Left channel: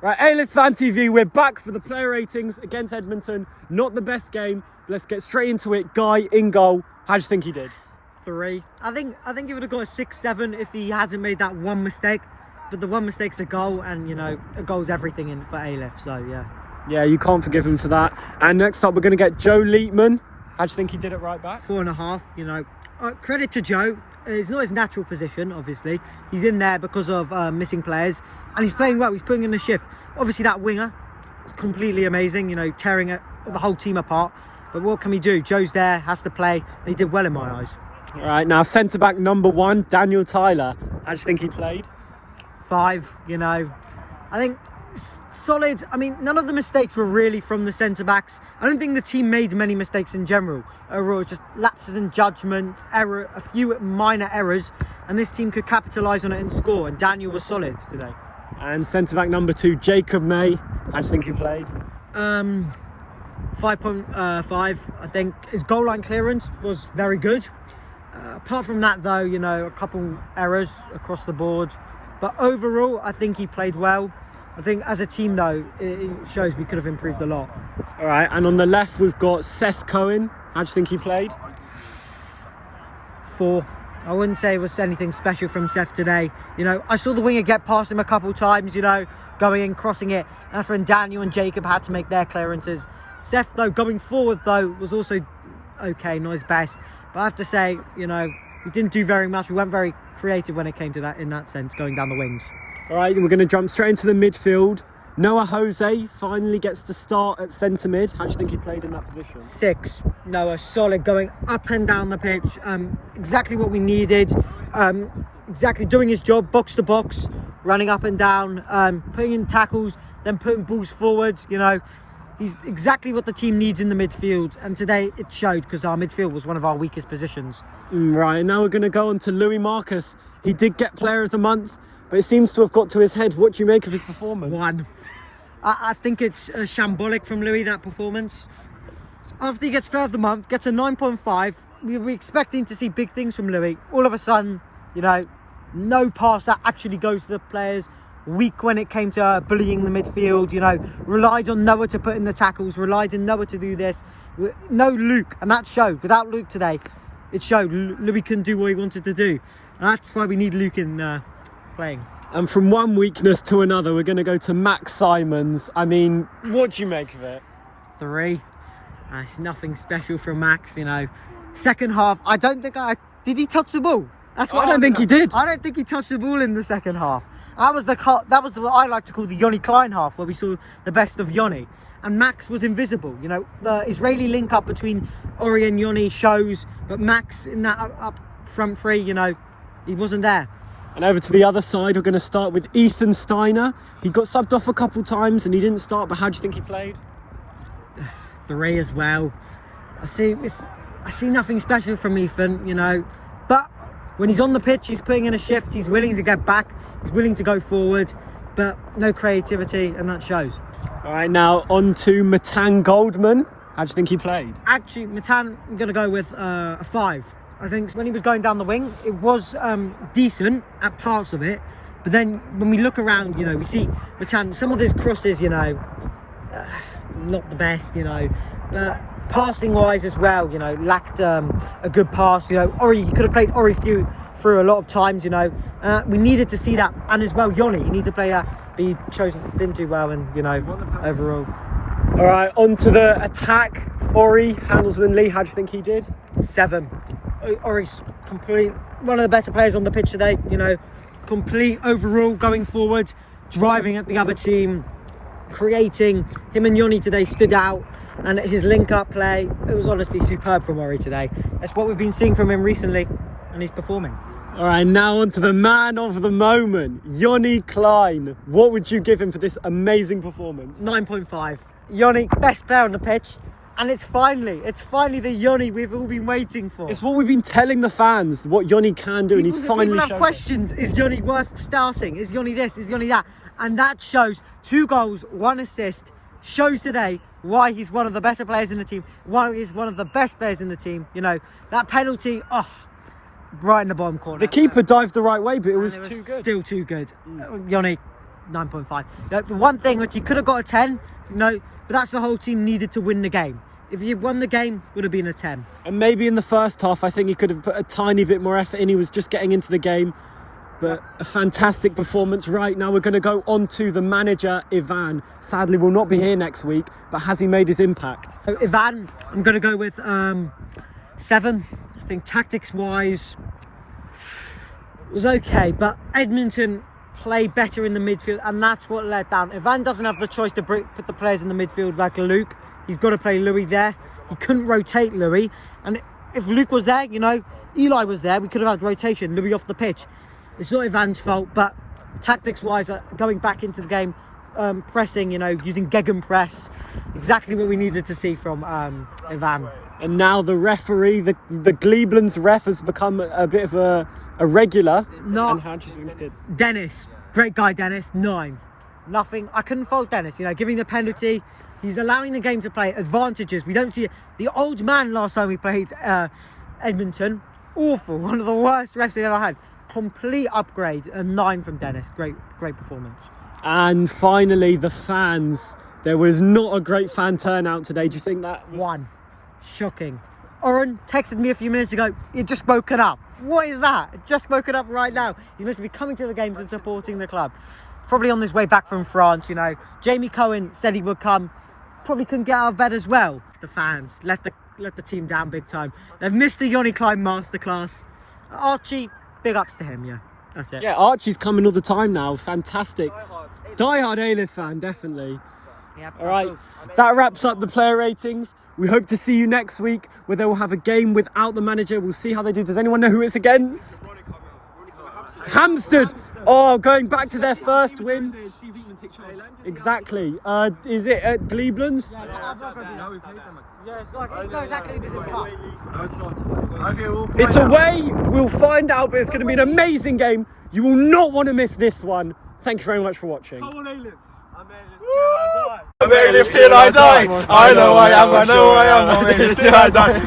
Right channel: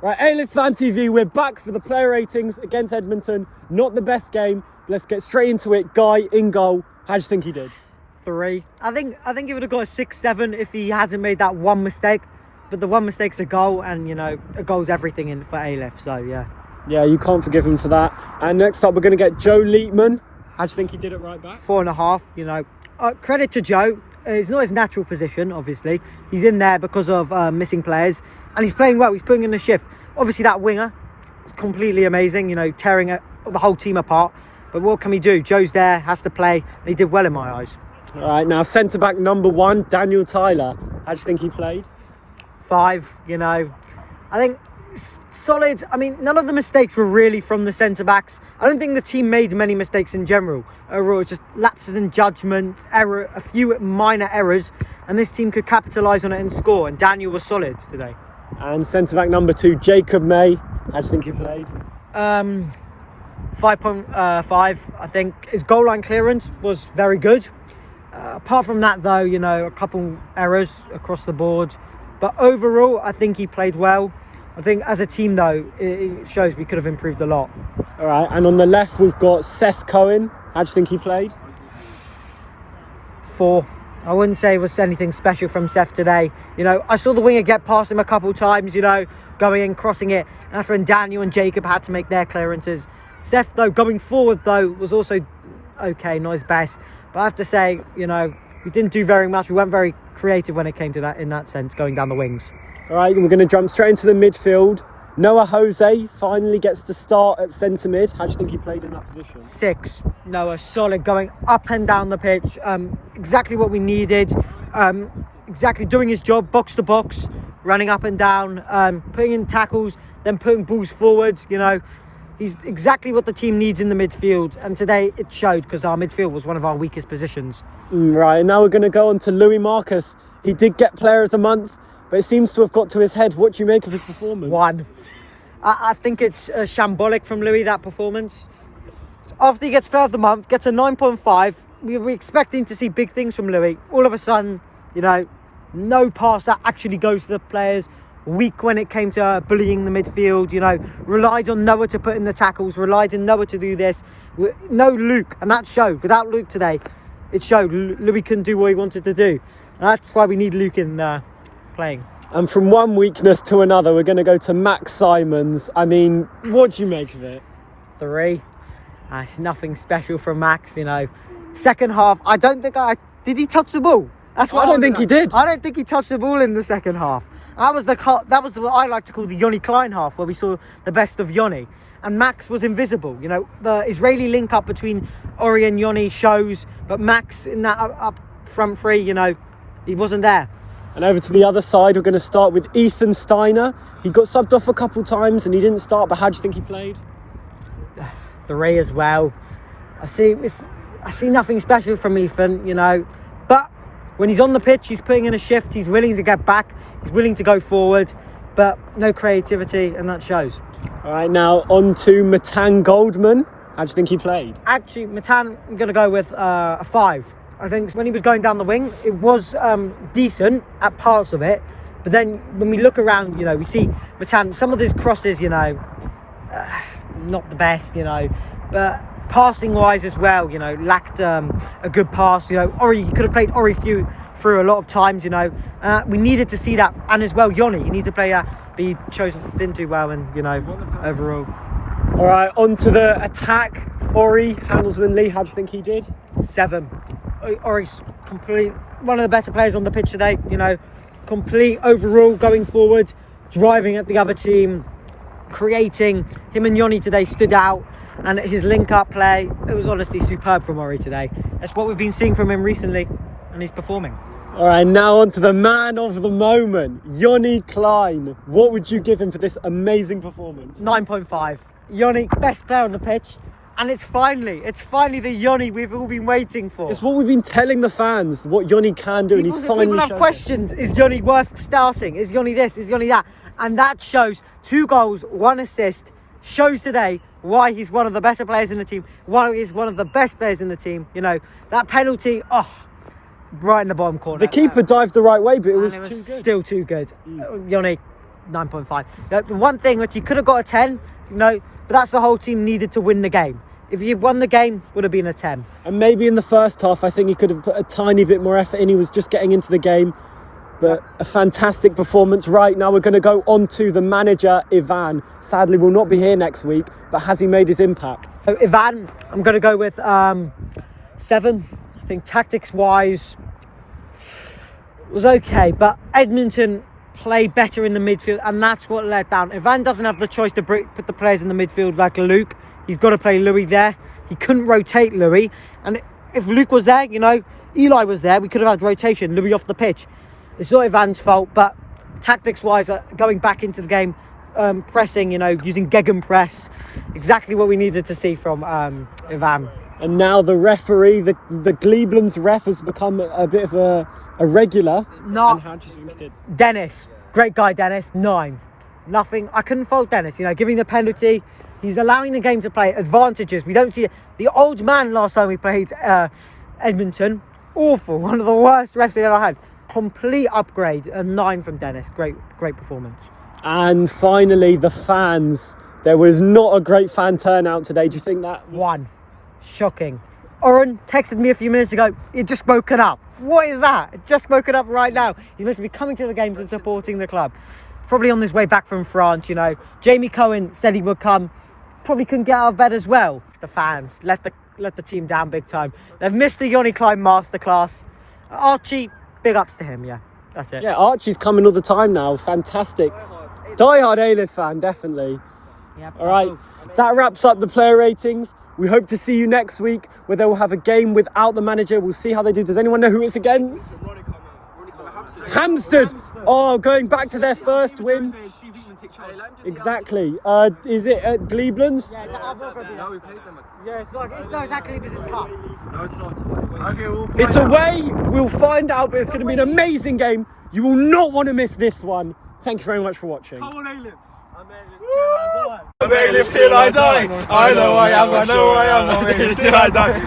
Right, Alyth Fan TV, we're back for the player ratings against Edmonton. Not the best game. Let's get straight into it. Guy in goal. How do you think he did? 3. I think he would have got a 6-7 if he hadn't made that one mistake. But the one mistake's a goal, and you know, a goal's everything in for Alyth. So yeah. Yeah, you can't forgive him for that. And next up, we're going to get Joe Leitman. How do you think he did it right back? 4.5. You know, credit to Joe. It's not his natural position, obviously. He's in there because of missing players, and he's playing well. He's putting in the shift. Obviously, that winger is completely amazing. You know, tearing the whole team apart. But what can we do? Joe's there, has to play. And he did well in my eyes. All right, now centre back number 1, Daniel Tyler. How do you think he played? 5. You know, I think solid. I mean, none of the mistakes were really from the centre backs. I don't think the team made many mistakes in general. Overall, it's just lapses in judgment, a few minor errors, and this team could capitalise on it and score. And Daniel was solid today. And centre back number 2, Jacob May. How do you think he played? 5.5. I think his goal line clearance was very good. Apart from that, though, you know, a couple errors across the board. But overall, I think he played well. I think as a team, though, it shows we could have improved a lot. All right, and on the left, we've got Seth Cohen. How do you think he played? 4. I wouldn't say it was anything special from Seth today. You know, I saw the winger get past him a couple of times, you know, going in, crossing it. And that's when Daniel and Jacob had to make their clearances. Seth, though, going forward, though, was also okay, not his best. But I have to say, you know, we didn't do very much. We weren't very creative when it came to that, in that sense, going down the wings. All right, we're going to jump straight into the midfield. Noah Jose finally gets to start at centre mid. How do you think he played in that position? 6. Noah, solid, going up and down the pitch. Exactly what we needed. Exactly doing his job, box to box, running up and down, putting in tackles, then putting balls forwards. You know, he's exactly what the team needs in the midfield. And today it showed, because our midfield was one of our weakest positions. Right, now we're going to go on to Louis Marcus. He did get Player of the Month, but it seems to have got to his head. What do you make of his performance? 1. I think it's shambolic from Louis, that performance. After he gets Player of the Month, gets a 9.5. We were expecting to see big things from Louis. All of a sudden, you know, no pass that actually goes to the players. Weak when it came to bullying the midfield, you know, relied on Noah to put in the tackles, relied on Noah to do this. No Luke, and that showed. Without Luke today, it showed Louis couldn't do what he wanted to do. And that's why we need Luke in playing. And from one weakness to another, we're going to go to Max Simons. I mean, what do you make of it? 3. It's nothing special from Max, you know. Second half, I don't think did he touch the ball? That's what I don't think he did. I don't think he touched the ball in the second half. That was what I like to call the Yoni Klein half, where we saw the best of Yoni. And Max was invisible. You know, the Israeli link up between Ori and Yoni shows, but Max in that up front 3, you know, he wasn't there. And over to the other side, we're going to start with Ethan Steiner. He got subbed off a couple times and he didn't start, but how do you think he played? 3 as well. I see nothing special from Ethan, you know, but when he's on the pitch, he's putting in a shift. He's willing to get back. He's willing to go forward, but no creativity, and that shows. All right, now on to Matan Goldman. How do you think he played? Actually, Matan, I'm going to go with a 5. I think when he was going down the wing, it was decent at parts of it. But then when we look around, you know, we see Matan, some of his crosses, you know, not the best, you know. But passing-wise as well, you know, lacked a good pass. You know, Ori, you could have played Ori through a lot of times, you know. We needed to see that. And as well, Yoni, you need to play but he didn't do well, and, you know, overall. All right, on to the attack. Ori Handelsman-Lee, how do you think he did? 7. Ori's complete, one of the better players on the pitch today, you know, complete overall going forward, driving at the other team, creating. Him and Yoni today stood out, and his link-up play, it was honestly superb from Ori today. That's what we've been seeing from him recently, and he's performing. All right, now on to the man of the moment, Yoni Klein. What would you give him for this amazing performance? 9.5. Yoni, best player on the pitch. And it's finally the Yoni we've all been waiting for. It's what we've been telling the fans, what Yoni can do, and he's finally shown questions. Is Yoni worth starting? Is Yoni this? Is Yoni that? And that shows 2 goals, 1 assist, shows today why he's one of the better players in the team, why he's one of the best players in the team. You know, that penalty, right in the bottom corner. The keeper dived the right way, but it was too good. Still too good. Yoni, 9.5. The one thing which you could have got a 10, you know, but that's the whole team needed to win the game. If you won the game, would have been a 10. And maybe in the first half, I think he could have put a tiny bit more effort in. He was just getting into the game. But a fantastic performance. Right now, we're going to go on to the manager, Ivan. Sadly, will not be here next week, but has he made his impact? So Ivan, I'm going to go with 7. I think tactics-wise, it was okay, but Edmonton play better in the midfield, and that's what let down. Ivan doesn't have the choice to put the players in the midfield like Luke. He's got to play Louis there. He couldn't rotate Louis, and if Luke was there, you know, Eli was there, we could have had rotation, Louis off the pitch. It's not Ivan's fault, but tactics-wise, going back into the game, pressing, you know, using gegenpress, exactly what we needed to see from Ivan. And now the referee, the Gleeblands ref, has become a bit of a regular. No, Dennis, great guy, Dennis. 9, nothing. I couldn't fault Dennis. You know, giving the penalty, he's allowing the game to play. Advantages. We don't see the old man last time we played Edmonton. Awful. One of the worst refs we ever had. Complete upgrade. A 9 from Dennis. Great performance. And finally, the fans. There was not a great fan turnout today. Do you think that was... 1. Shocking. Oren texted me a few minutes ago. It just woken up. What is that? It just woken up right now. He's meant to be coming to the games and supporting the club. Probably on his way back from France, you know. Jamie Cohen said he would come. Probably couldn't get out of bed as well. The fans let the team down big time. They've missed the Yoni Klein masterclass. Archie, big ups to him, yeah. That's it. Yeah, Archie's coming all the time now. Fantastic. Die-hard Alyth fan, definitely. Yep. All right, that wraps up the player ratings. We hope to see you next week where they will have a game without the manager. We'll see how they do. Does anyone know who it's against? Hampstead. Oh, going back to their first win. Exactly. Is it at Gleeblands? It's away. We'll find out, but it's going to be an amazing game. You will not want to miss this one. Thank you very much for watching. I may live till I die. I know I am, I know I am. I may live till I die.